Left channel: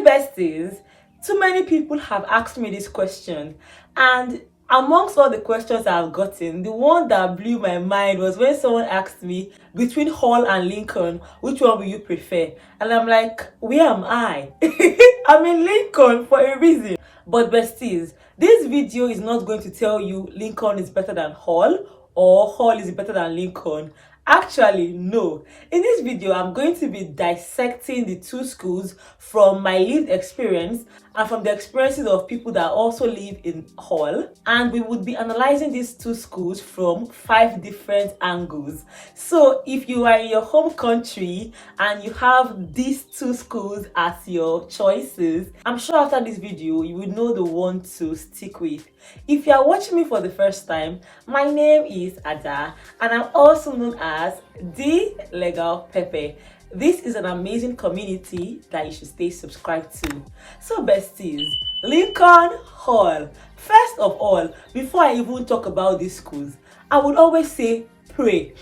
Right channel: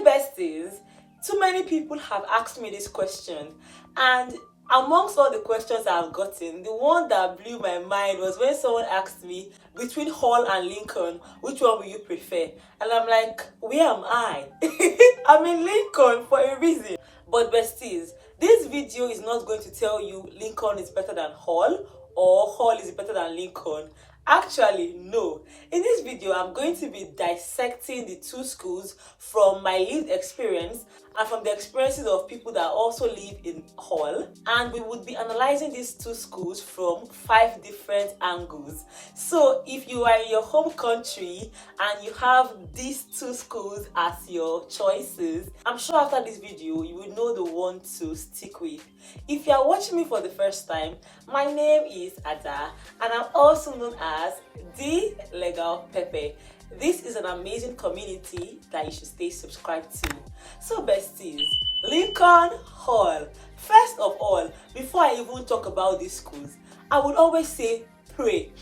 Hey besties, too many people have asked me this question, and amongst all the questions I've gotten, the one that blew my mind was when someone asked me, between Hall and Lincoln, which one will you prefer? And I'm like, where am I? I'm in Lincoln for a reason. But besties, this video is not going to tell you Lincoln is better than Hall or Hall is better than Lincoln. Actually, no. In this video, I'm going to be dissecting the two schools from my lived experience and from the experiences of people that also live in Hall. And we would be analyzing these two schools from 5 different angles. So if you are in your home country and you have these two schools as your choices, I'm sure after this video, you will know the one to stick with. If you are watching me for the first time, my name is Ada and I'm also known as The Legal Pepe. This is an amazing community that you should stay subscribed to. So besties, Lincoln Hall. First of all, before I even talk about these schools, I would always say pray.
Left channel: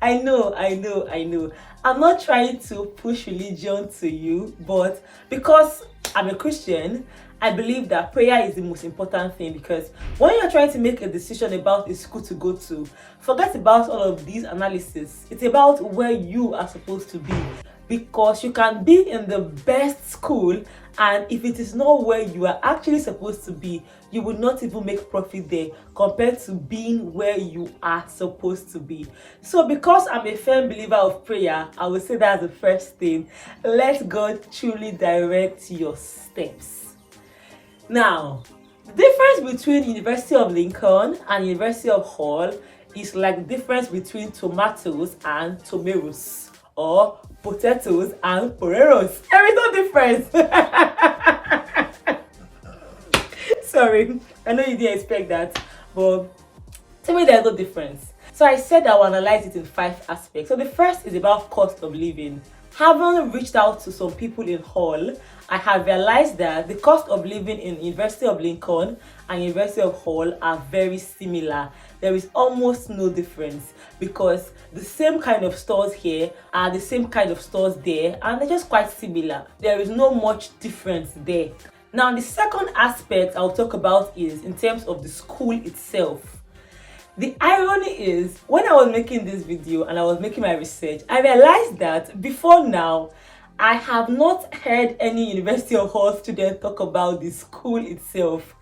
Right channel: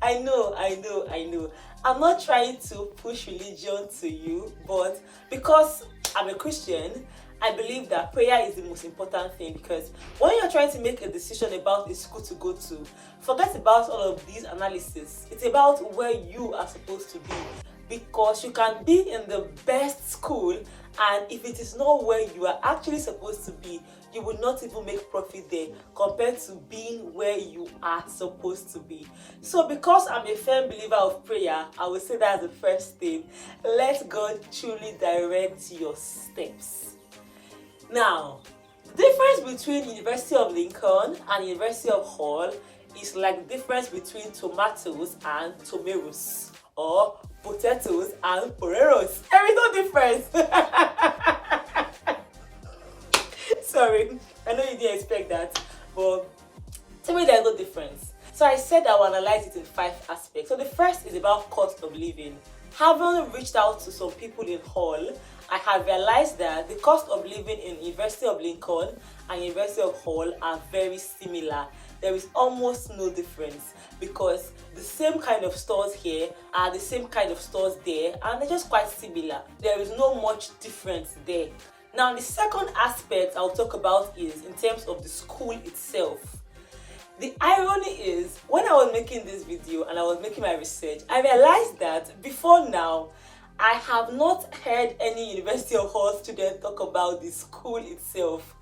I know. I'm not trying to push religion to you, but because I'm a Christian, I believe that prayer is the most important thing, because when you're trying to make a decision about a school to go to, forget about all of these analysis. It's about where you are supposed to be, because you can be in the best school and if it is not where you are actually supposed to be, you will not even make profit there compared to being where you are supposed to be. So because I'm a firm believer of prayer, I would say that's the first thing. Let God truly direct your steps. Now, the difference between University of Lincoln and University of Hall is like the difference between tomatoes and tomatoes, or potatoes and poreros. There is no difference. Sorry, I know you didn't expect that, but to me there's no difference. So I said I will analyze it in 5 aspects. So the first is about cost of living. Having reached out to some people in Hall, I have realized that the cost of living in University of Lincoln and University of Hall are very similar. There is almost no difference because the same kind of stores here are the same kind of stores there, and they're just quite similar. There is no much difference there. Now, the second aspect I'll talk about is in terms of the school itself. The irony is, when I was making this video and I was making my research, I realized that before now, I have not heard any University of Hall student talk about the school itself.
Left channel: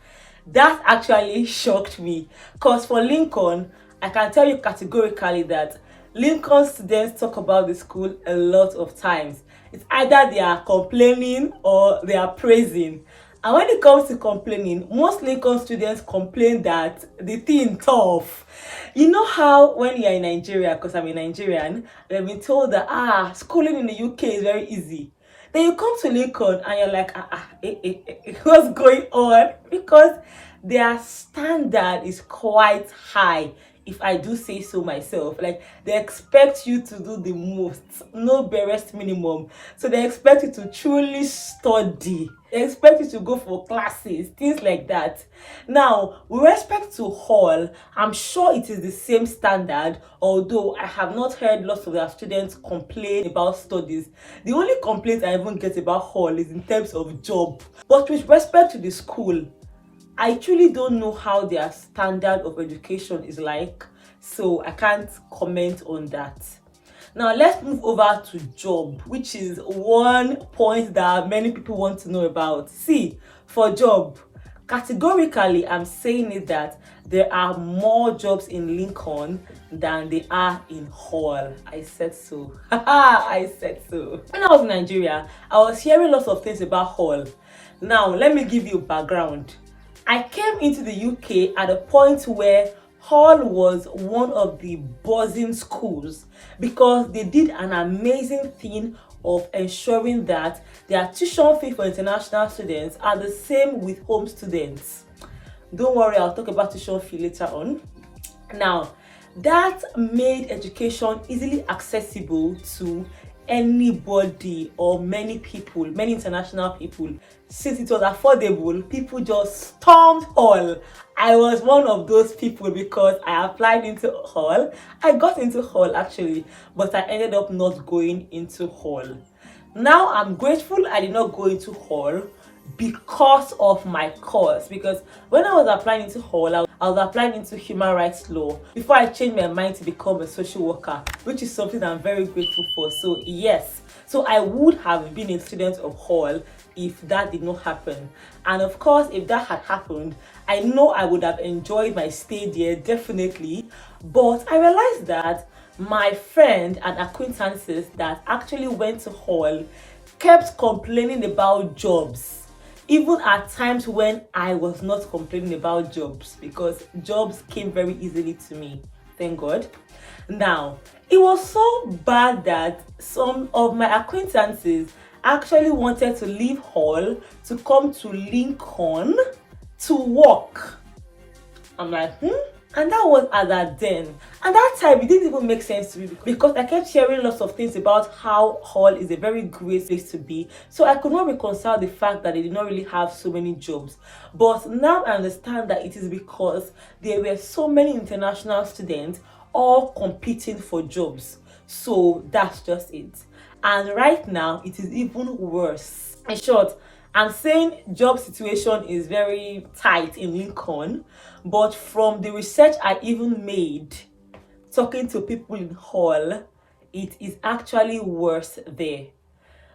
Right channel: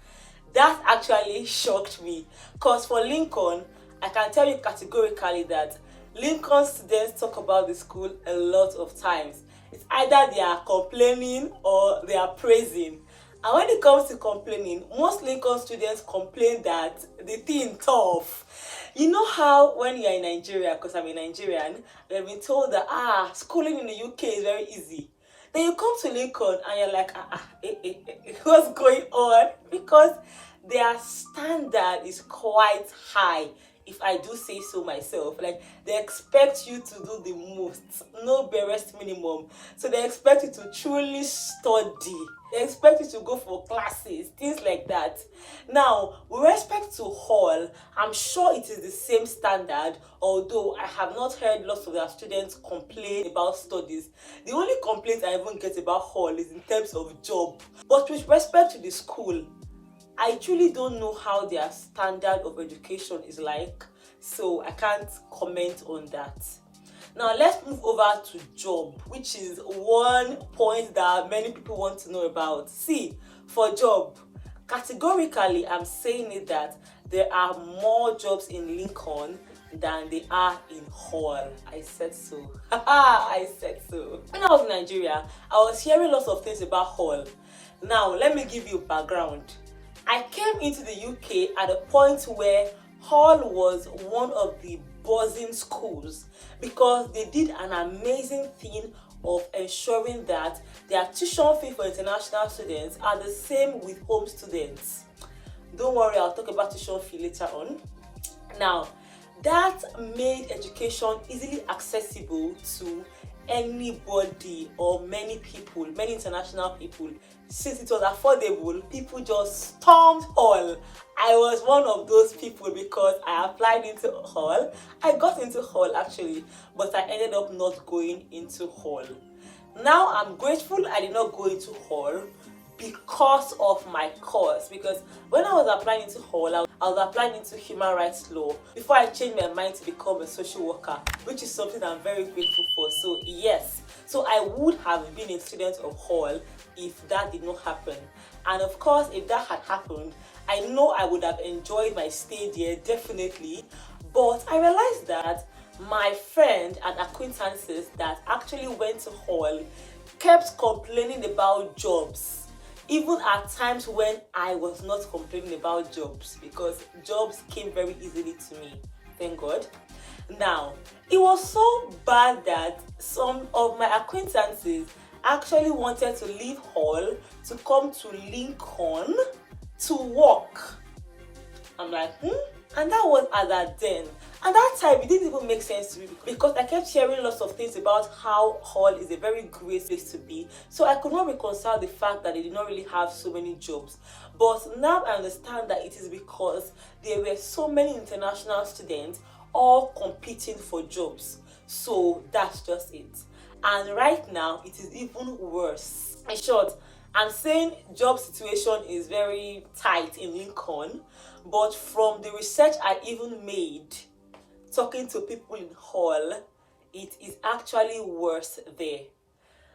That actually shocked me, because for Lincoln, I can tell you categorically that Lincoln students talk about the school a lot of times. It's either they are complaining or they are praising. And when it comes to complaining, most Lincoln students complain that the thing tough. You know how when you're in Nigeria, because I'm a Nigerian, they've been told that schooling in the UK is very easy. Then you come to Lincoln and you're like, what's going on? Because their standard is quite high, if I do say so myself. Like, they expect you to do the most, no barest minimum. So they expect you to truly study. They expect you to go for classes, things like that. Now, with respect to Hall, I'm sure it is the same standard, although I have not heard lots of their students complain about studies. The only complaint I even get about Hall is in terms of job. But with respect to the school, I truly don't know how their standard of education is like, so I can't comment on that. Now let's move over to job, which is one point that many people want to know about. See, for job, categorically I'm saying it that there are more jobs in Lincoln than they are in Hall. I said so. I said so. When I was in Nigeria, I was hearing lots of things about Hall. Now let me give you background. I came into the UK at a point where Hall was one of the buzzing schools because they did an amazing thing of ensuring that their tuition fee for international students are the same with home students. Don't worry, I'll talk about tuition fee later on. Now, that made education easily accessible to anybody or many people, many international people. Since it was affordable, people just stormed Hall. I was one of those people because I applied into Hall. I got into Hall actually, but I ended up not going into Hall. Now I'm grateful I did not go into hall because of my course, because when I was applying into hall, I was applying into human rights law before I changed my mind to become a social worker, which is something I'm very grateful for. So yes, so I would have been a student of hall if that did not happen. And of course, if that had happened, I know I would have enjoyed my stay there definitely. But I realized that my friend and acquaintances that actually went to hall kept complaining about jobs, even at times when I was not complaining about jobs, because jobs came very easily to me, thank God. Now, it was so bad that some of my acquaintances actually wanted to leave hall to come to Lincoln to work. I'm like, And that was at that then. And that time, it didn't even make sense to me because I kept hearing lots of things about how hall is a very great place to be. So I could not reconcile the fact that they did not really have so many jobs. But now I understand that it is because there were so many international students all competing for jobs. So that's just it. And right now, it is even worse. In short, I'm saying job situation is very tight in Lincoln, but from the research I even made, talking to people in hall, it is actually worse there.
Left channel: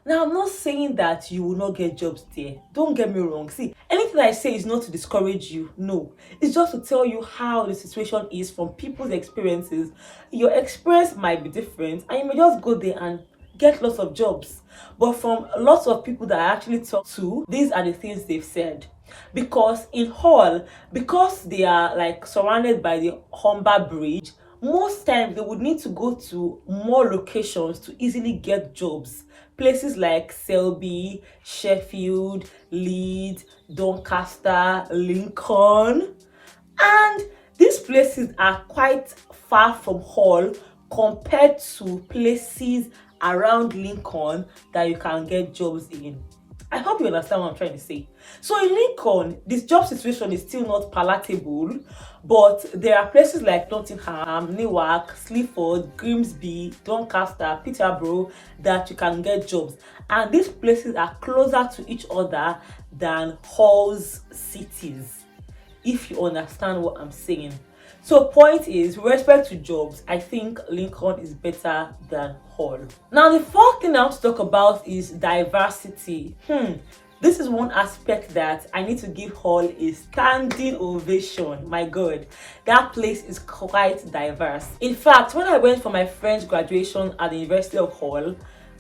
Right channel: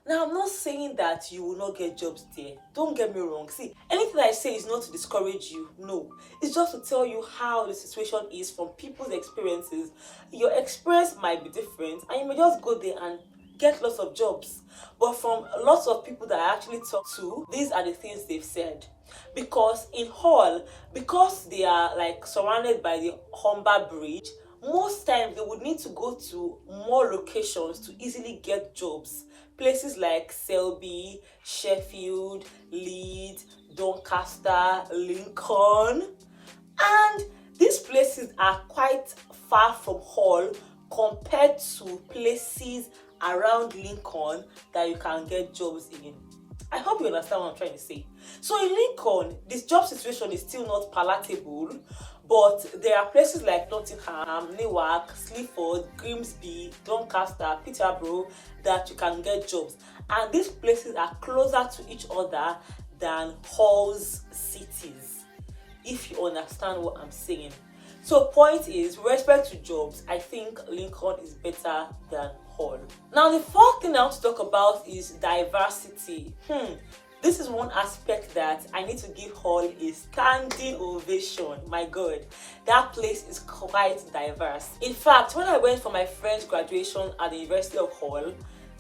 Now, I'm not saying that you will not get jobs there. Don't get me wrong. See, anything I say is not to discourage you. No. It's just to tell you how the situation is from people's experiences. Your experience might be different and you may just go there and get lots of jobs. But from lots of people that I actually talk to, these are the things they've said. Because in hall, because they are like surrounded by the Humber Bridge, most times they would need to go to more locations to easily get jobs. Places like Selby, Sheffield, Leeds, Doncaster, Lincoln. And these places are quite far from hall compared to places around Lincoln that you can get jobs in. I hope you understand what I'm trying to say. So in Lincoln, this job situation is still not palatable, but there are places like Nottingham, Newark, Sleaford, Grimsby, Doncaster, Peterborough that you can get jobs. And these places are closer to each other than Hall's cities, if you understand what I'm saying. So point is, with respect to jobs, I think Lincoln is better than Hall. Now, the fourth thing I want to talk about is diversity. This is one aspect that I need to give Hall a standing ovation. My God, that place is quite diverse. In fact, when I went for my friend's graduation at the University of Hall,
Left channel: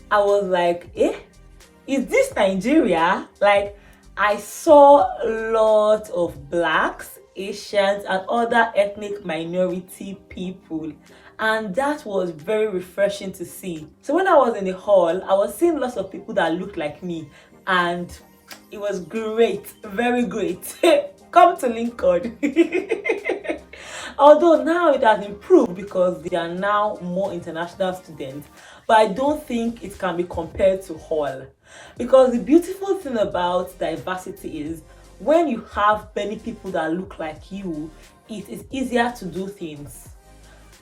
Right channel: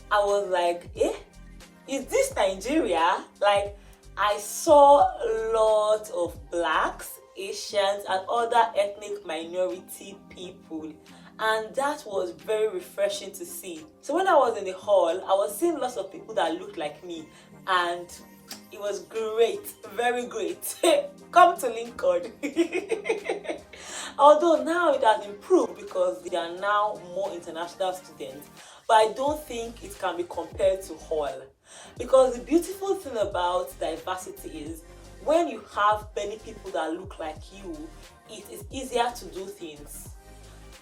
I was like, is this Nigeria? Like, I saw lots of blacks, Asians, and other ethnic minority people, and that was very refreshing to see. So when I was in the hall, I was seeing lots of people that looked like me, and it was great, very great. Come to Lincoln. Although now it has improved because there are now more international students, but I don't think it can be compared to Hall. Because the beautiful thing about diversity is when you have many people that look like you, it is easier to do things.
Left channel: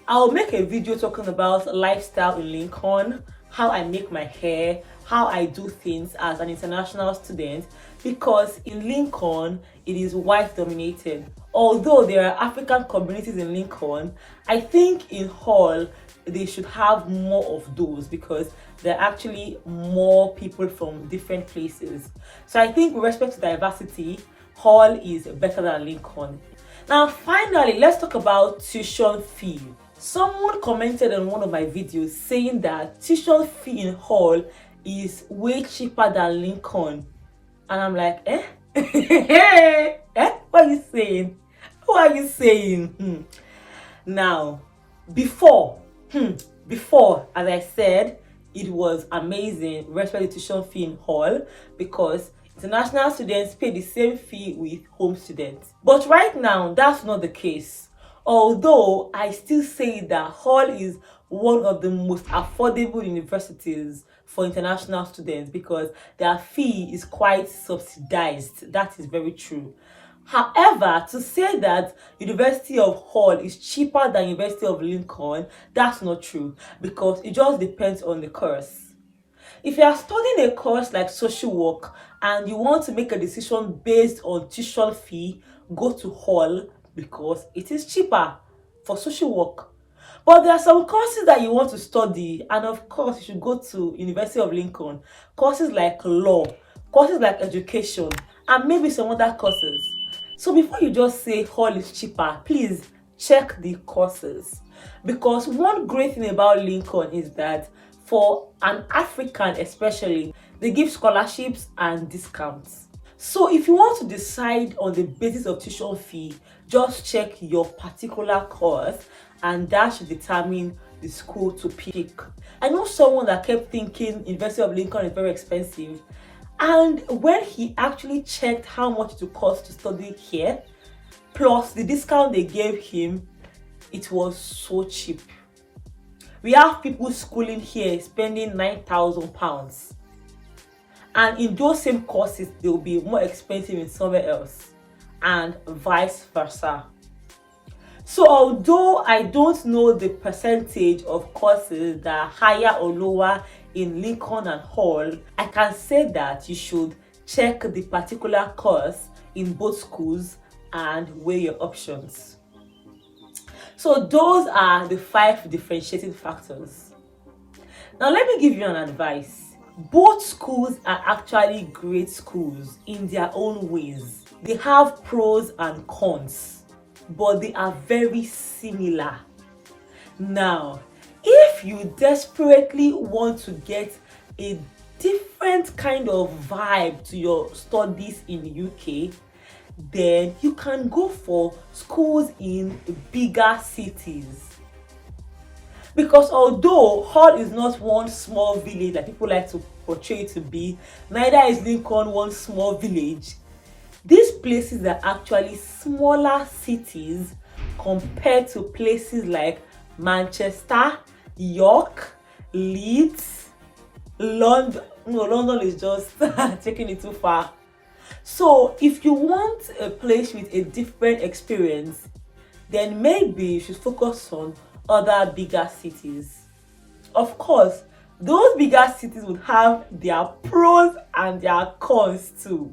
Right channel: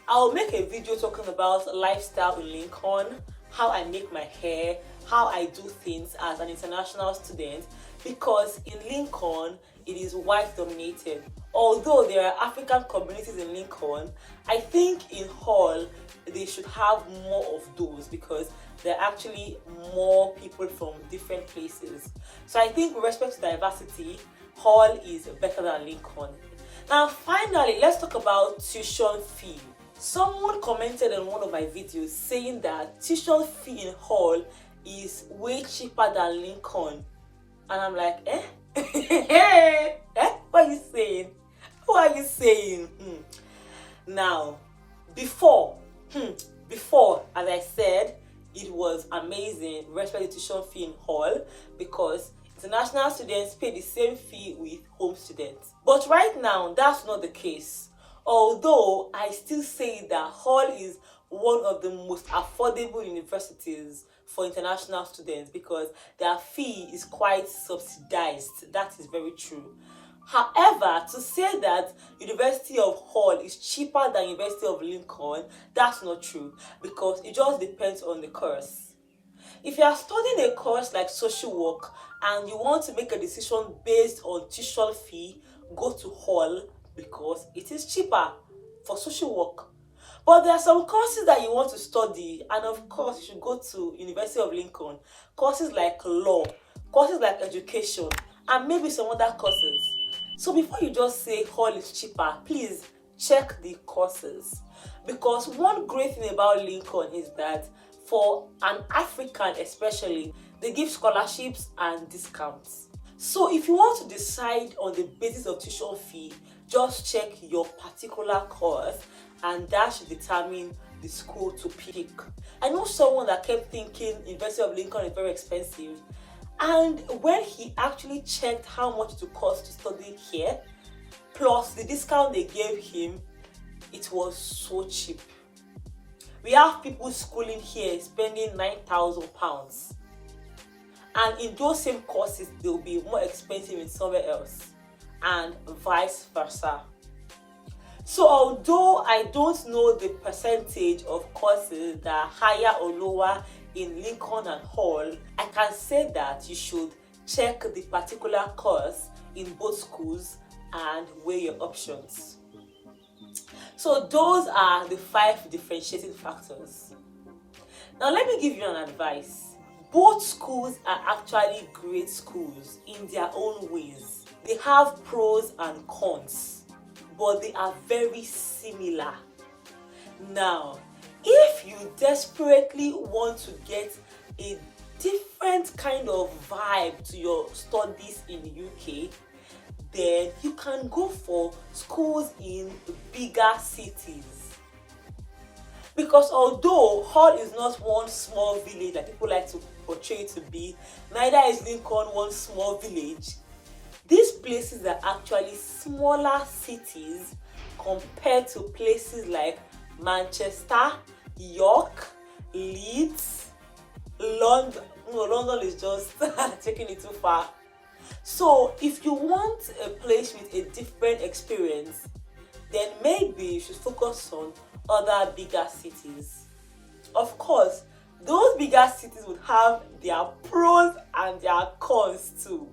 I'll make a video talking about lifestyle in Lincoln, how I make my hair, how I do things as an international student, because in Lincoln, it is white dominated. Although there are African communities in Lincoln, I think in Hall, they should have more of those because there are actually more people from different places. So I think with respect to diversity, Hall is better than Lincoln. Now finally, let's talk about tuition fee. Someone commented on one of my videos saying that tuition fee in Hall is way cheaper than Lincoln. And I'm like, What are you saying? What are you saying? Now, before, as I said, it was amazing with respect to tuition fee in Hall because international students pay the same fee with home students. But right now, that's not the case. Although I still say that Hall is one of the most affordable universities for international students because their fee is quite subsidized. That is very true. However, to say that University of Hall is cheaper than University of Lincoln, that's not true because it just depends on the course. If you are studying a course like social work and you want to make a decision based on tuition fee, go to Hall because it is cheaper for social work. But there are some courses that you want to study, and of course you should go to University of Lincoln. Courses like law, courses like education, and maybe some other courses. So before you just say Hall is cheaper, please check the courses. Because one great thing about Lincoln is that for an African especially, they give scholarships and discounts. So if you want to decide on the basis of tuition fee, just check your particular course and that should determine the school to pick. I know someone that kept thinking University of Lincoln is very expensive, and when he actually checked how much it would cost to study here, plus the discount they gave him, it was so cheap. We have people schooling here spending £9,000, and in those same courses they will be more expensive in somewhere else, and vice versa. So although I don't know the percentage of courses that are higher or lower in Lincoln and Hall, I can say that you should check the particular course in both schools and weigh your options. So those are the 5 differentiating factors. Now let me give you an advice. Both schools are actually great schools in their own ways. They have pros and cons, but they are very similar. Now, if you desperately want to get a different kind of vibe to your studies in the UK, then you can go for schools in bigger cities. Because although Hull is not one small village like people like to portray it to be, neither is Lincoln one small village. These places are actually smaller cities compared to places like Manchester, York, Leeds, London. No, London is just taking it too far. So if you want a place with a different experience, then maybe you should focus on other bigger cities. Of course, those bigger cities would have their pros and their cons too.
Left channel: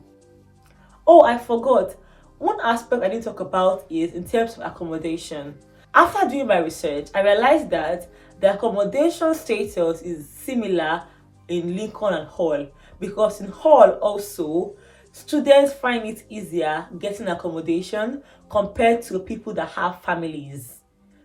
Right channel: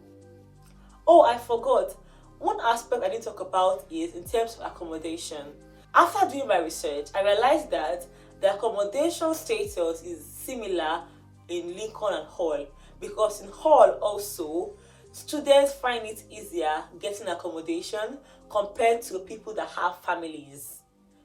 Oh, I forgot. One aspect I didn't talk about is in terms of accommodation. After doing my research, I realized that the accommodation status is similar in Lincoln and Hall, because in Hall also, students find it easier getting accommodation compared to people that have families.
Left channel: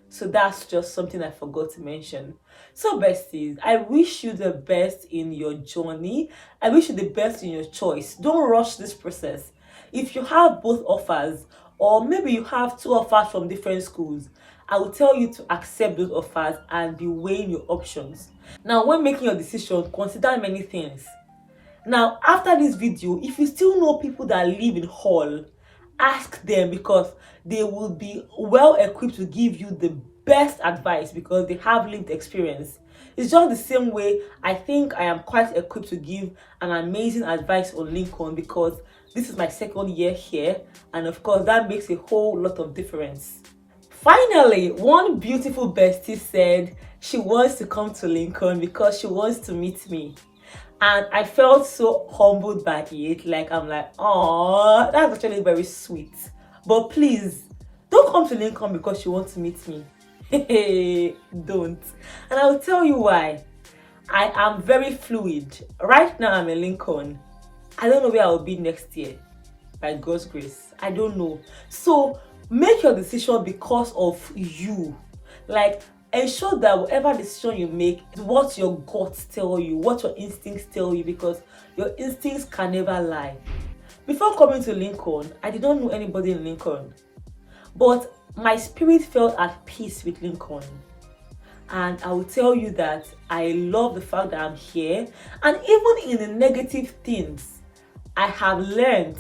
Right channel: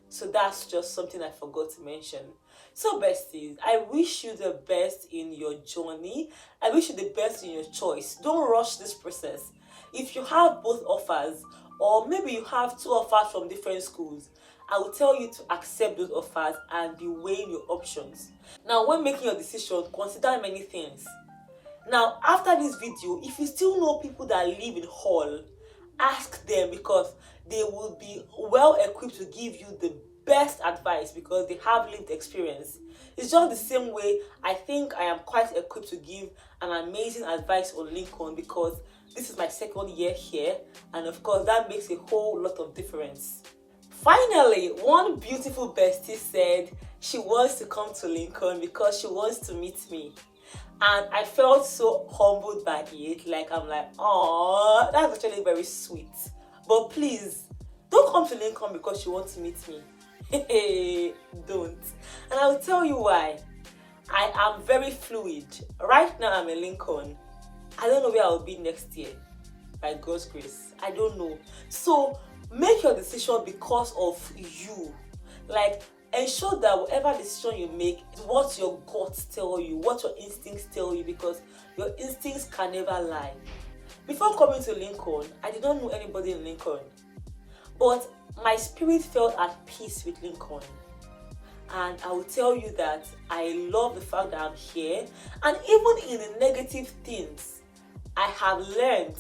So that's just something I forgot to mention. So besties, I wish you the best in your journey. I wish you the best in your choice. Don't rush this process. If you have both offers, or maybe you have 2 offers from different schools, I will tell you to accept those offers and be weighing your options. Now, when making your decision, consider many things. Now, after this video, if you still know people that live in Hall, ask them, because they will be well equipped to give you the best advice because they have lived experience. It's just the same way I think I am quite equipped to give an amazing advice on Lincoln, because this is my 2nd year here, and of course that makes a whole lot of difference. Finally, one beautiful bestie said she wants to come to Lincoln because she wants to meet me. And I felt so humbled by it. Like, I'm like, oh, that's actually very sweet. But please, don't come to Lincoln because you want to meet me. Don't. And I'll tell you why. I am very fluid. Right now, I'm in Lincoln. I don't know where I'll be next year. By God's grace. I don't know. So, make your decision because of you. Like, ensure that whatever decision you make is what your guts tell you, what your instincts tell you, because your instincts can never lie. Before coming to Lincoln, I did not know anybody in Lincoln, but my spirit felt at peace with Lincoln. And I will tell you that I love the fact that I'm here, and even in the negative things, I have learned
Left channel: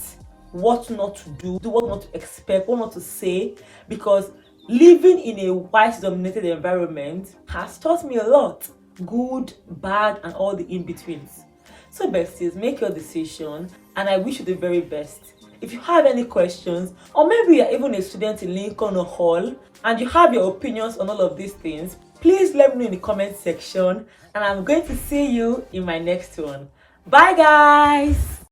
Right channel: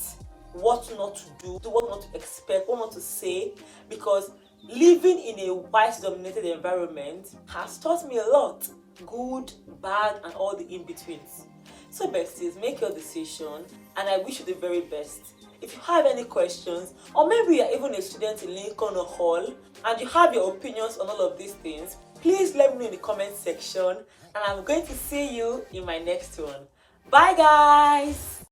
what not to do, what not to expect, what not to say, because living in a white-dominated environment has taught me a lot, good, bad, and all the in-betweens. So besties, make your decision, and I wish you the very best. If you have any questions, or maybe you're even a student in Lincoln or Hall, and you have your opinions on all of these things, Please let me know in the comment section, and I'm going to see you in my next one. Bye guys.